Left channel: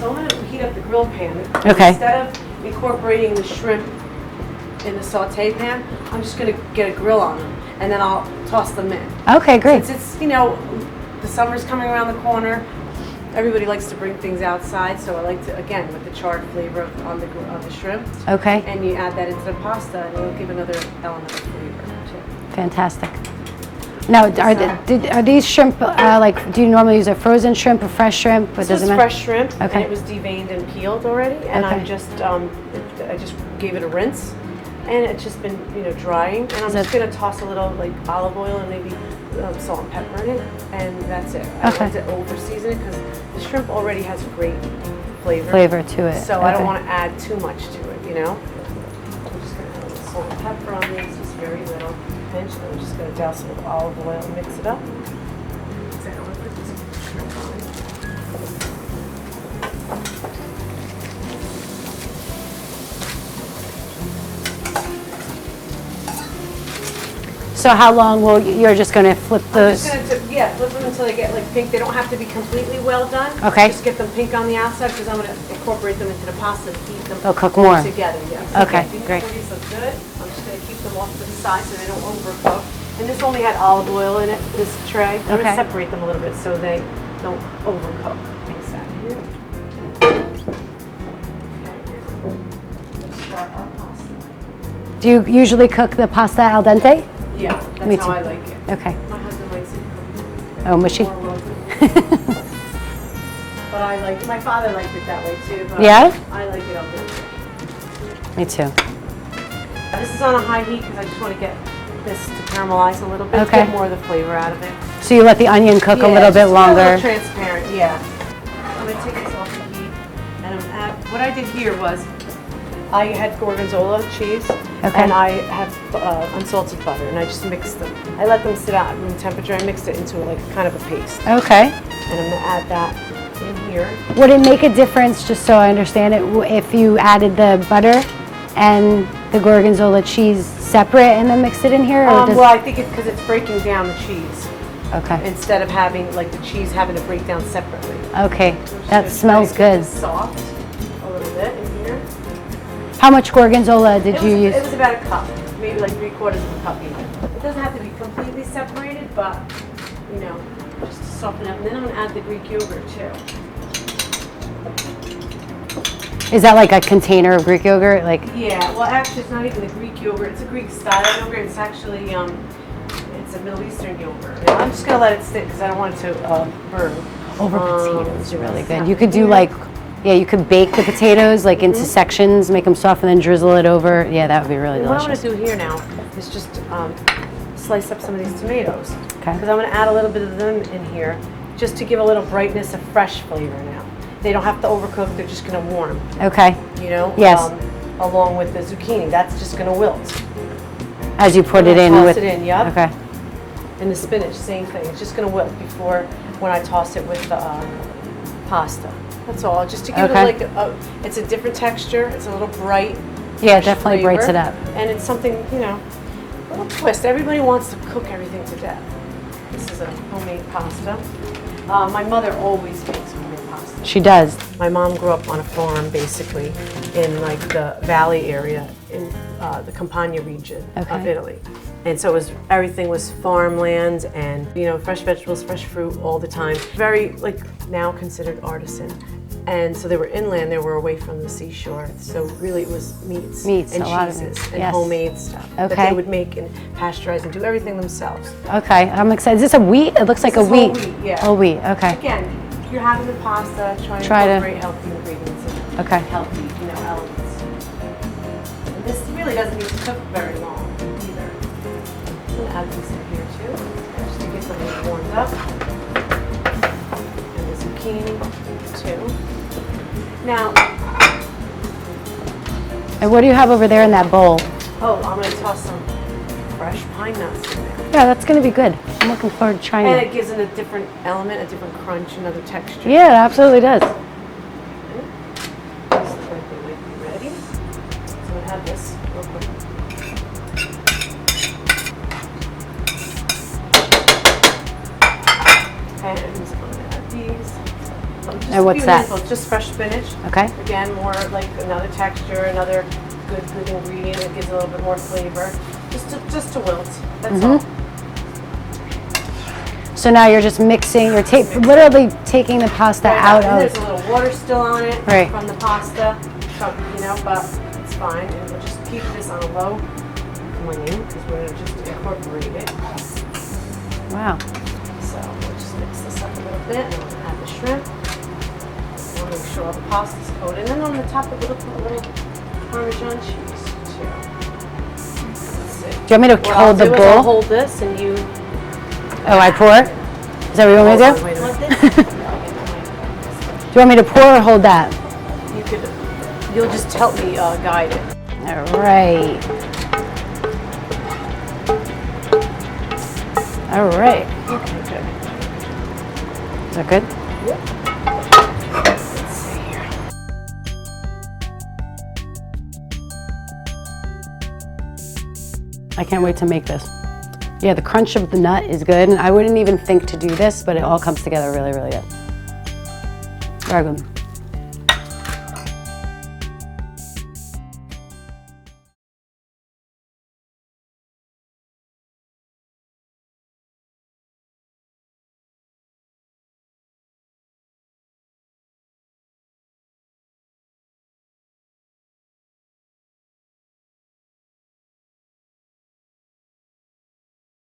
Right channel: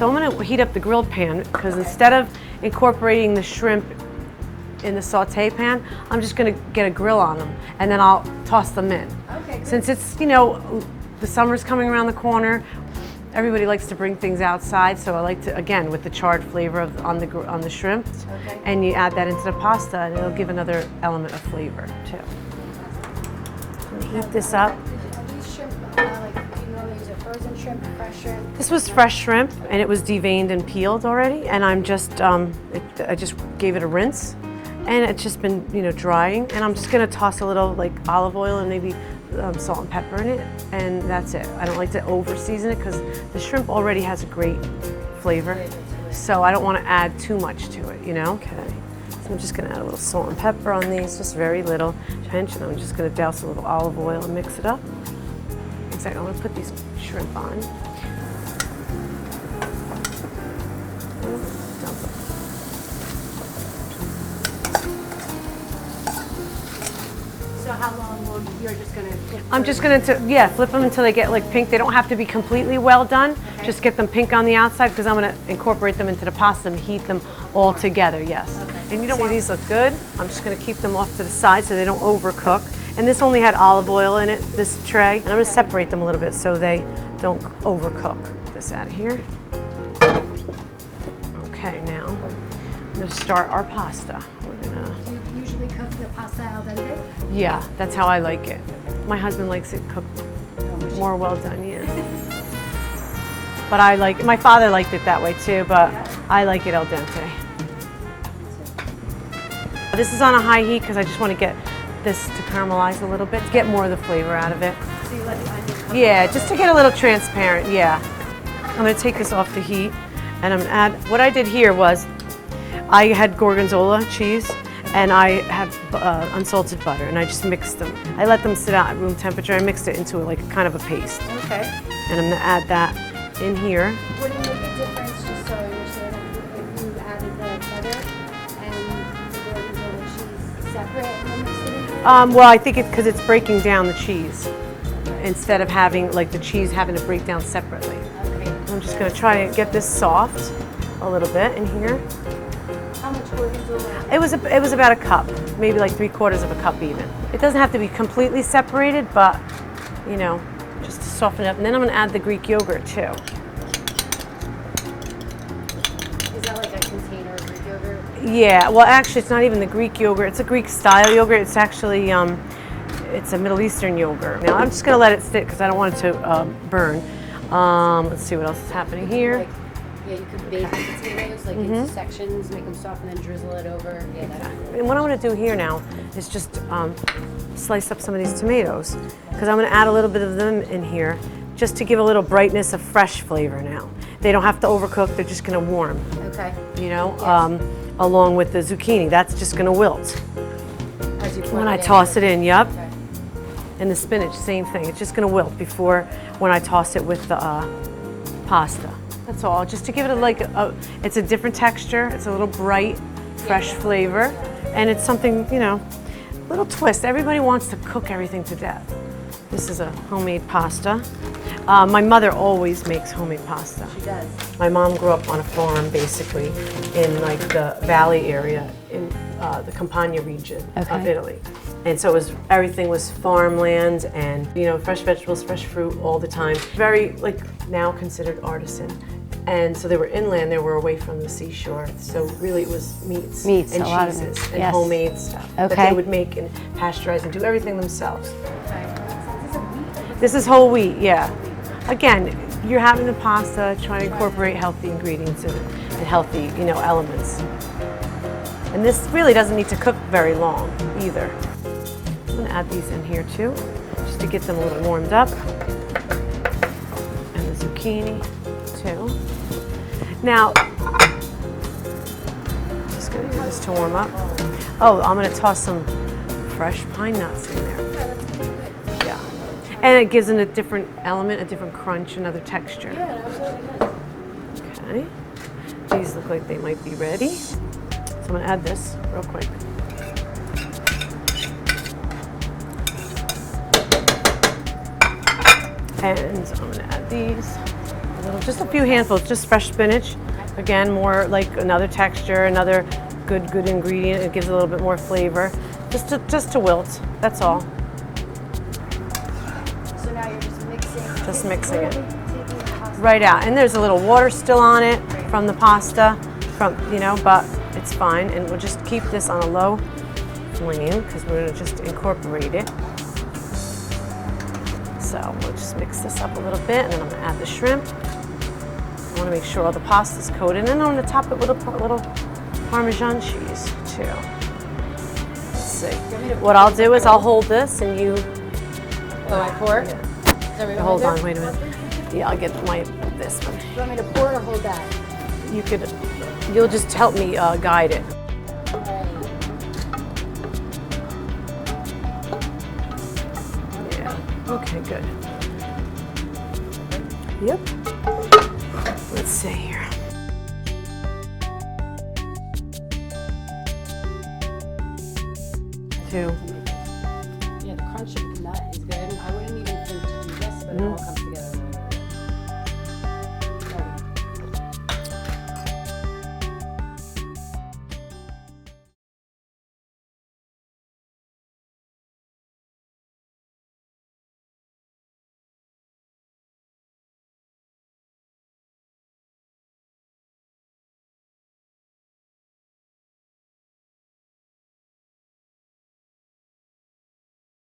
So I'm gonna heat up the grill pan. Okay. Instead of incorporating the shrimp in the saute pan, I'm just gonna get a grill on them and then I'll toss them in. Okay, great. Since it's, you know, the summer's coming around the corner, everybody likes to bring things outside, so I like to, again, with the charred flavor on the shrimp. Okay. And you add that into the pasta and it'll give another element of flavor too. Fantastic. Now, are these shrimp, do you normally use a frozen shrimp or fresh shrimp? This was fresh shrimp, Okay. and it was deveined and peeled already, and Okay. I just gave it a rinse, and it's just been, you know, drying, and I'm just gonna toss a little like olive oil and maybe salt and pepper in it, and that's it. I don't like to over season it because the shrimp already has a great flavor To it. so I don't want to add too much to it, you know. So I'm just gonna add a little salt and pepper on these, just very little pinch, and I'm just gonna douse a little olive oil and mix it up. One second, I want to put these shrimp on. So how long will you're just going to flip those? I'm just gonna flip them until they get like pink. They don't have to be completely well done. Okay. Just get them pink on the outside because I'm gonna incorporate them into the pasta and heat them They'll cook all more. together. Yes. Okay, And you know great. where these look good? I'm just gonna keep them off to the side so they don't overcook. And this only had olive oil in it. This tray. I'm Okay. gonna separate them a little bit so they don't overcook. Put this out here. Okay, now I'm gonna start our pasta. Do you usually cook the pasta al dente? Yeah, that's Me how too. I like it. Okay. My husband likes it cooked Oh, mushy? more well done. Yeah. But my father liked it that way too, but Yeah? I like it al dente. Me too. This is on a high heat because I just want to get this to caramelize a little bit, Okay. get more of the flavor out of it. So you let the onion cook a little just bit to longer. Get a little transparent, yeah. I'm going to take this off the heat and I'm going to add, what I did here was I had gorgonzola cheese and I have unsalted butter and I just mixed them. I let them sit out at room temperature. I mixed it into like kind of a paste. Okay. And I'm going to add that in here. Would it make a difference, just so I understand it, if you added the butter and the gorgonzola cheese separate and then mixed it in here? Or Well, I think it's because it's breaking down the cheese okay. instead of having like the cheese having to break down separately. Okay. I'm just That gonna try smells and get good. this soft a little bit in here. How much gorgonzola did you use? It was about a cup, maybe like 3/4 of a cup even. It doesn't have to be completely separated, but you know, just to soften it up. And then I'm gonna add the Greek yogurt too. Is that like a container of Greek yogurt? Like Yeah, well actually it's not even the Greek yogurt, it's a Greek style yogurt. It's actually, it's a Middle Eastern yogurt. Now I'm just gonna let it stick because I don't want it to burn. Let's see what really else good. happened You could do here. like, yeah, you could bake the potatoes like into sections, make them soft, and then drizzle it over. Yeah, that would be really And what I'm delicious. going to do here now is just slice up some of these tomatoes. Okay. Because I'm going to add a little bit of them in here just to give a little brightness of fresh flavor now. They don't have to overcook, they're just going to warm, Okay. you know? Yes. Along with the zucchini, that's just going to wilt. As you put it in Toss with. it in, yep. Okay. And the spinach, same thing. It's just going to wilt before when I toss it with the pasta. That's all, just to give Okay. it like it's a different texture, it's a little bright. Yeah, it fresh definitely flavor, brights it up. And it's something, you know, a little twist. Everybody wants to cook everything to death. This is a homemade pasta. My mother always makes homemade pasta. She does. My mom grew up on a farm, basically, in like the valley area in the Campania region of Okay. Italy. And so everything was farmland and, you know, fresh vegetables, fresh fruit all the time. Very, like, now considered artisan. And so they were inland, they were away from the seashore. So really it was meats and a lot of cheeses meats, and yes. homemade stuff that Okay. they would make and pasteurize and do everything themselves. Okay, I'm excited. Is this a wheat? It looks like This a is wheat. whole wheat, yeah. Whole wheat, okay. Again, you're having a pasta, try to Try to- incorporate healthy ingredients and, Okay. and healthy, you know, elements. And this really doesn't need to cook very long either. I'm gonna add these in here too, just to get them a little warmed up. And the zucchini too. Now, And what do you have over there in that bowl? oh, I'm gonna toss some fresh pine nuts in there. Yeah, that's going to be good. I'm looking forward to trying And it. it gives it a different element, a different crunch, another texture. Yeah, it absolutely does. Okay. These look like they might be ready. So I'm gonna add this real quick. And I'm gonna add these. Just And a what's few that? handfuls, just fresh spinach. Okay. Again, more like another texture, another good ingredient. It gives a little bit more flavor. Just to wilt. That's Mm-hmm. all. So now you're just mixing, you're mix it. literally taking the pasta Right out out, and there's a of, little water still on it Right. from the pasta, but it's fine. And we'll just keep this on a low flame because we're gonna just incorporate it. wow. So we'll just mix this up a little bit, and then I'm gonna add the shrimp. I wanna make sure all the pasta's coated, and then I'm gonna top it with a little Parmesan cheese too. Let's see. Do you want me to What I'll hold the do is I'll bowl? hold this, and you. Oh, I pour? Is that what you want me to do? Wait a minute. Yeah, I'll get this. Do you want me to pour or hold that? You'll just help me guide it. All right. All right. Okay, good. Is that good? Yep. Let's see here. I can't wait to make this. Yeah, the crunch of the nut is good. And I wouldn't even think to do this, but it all comes together really, really good. Very good.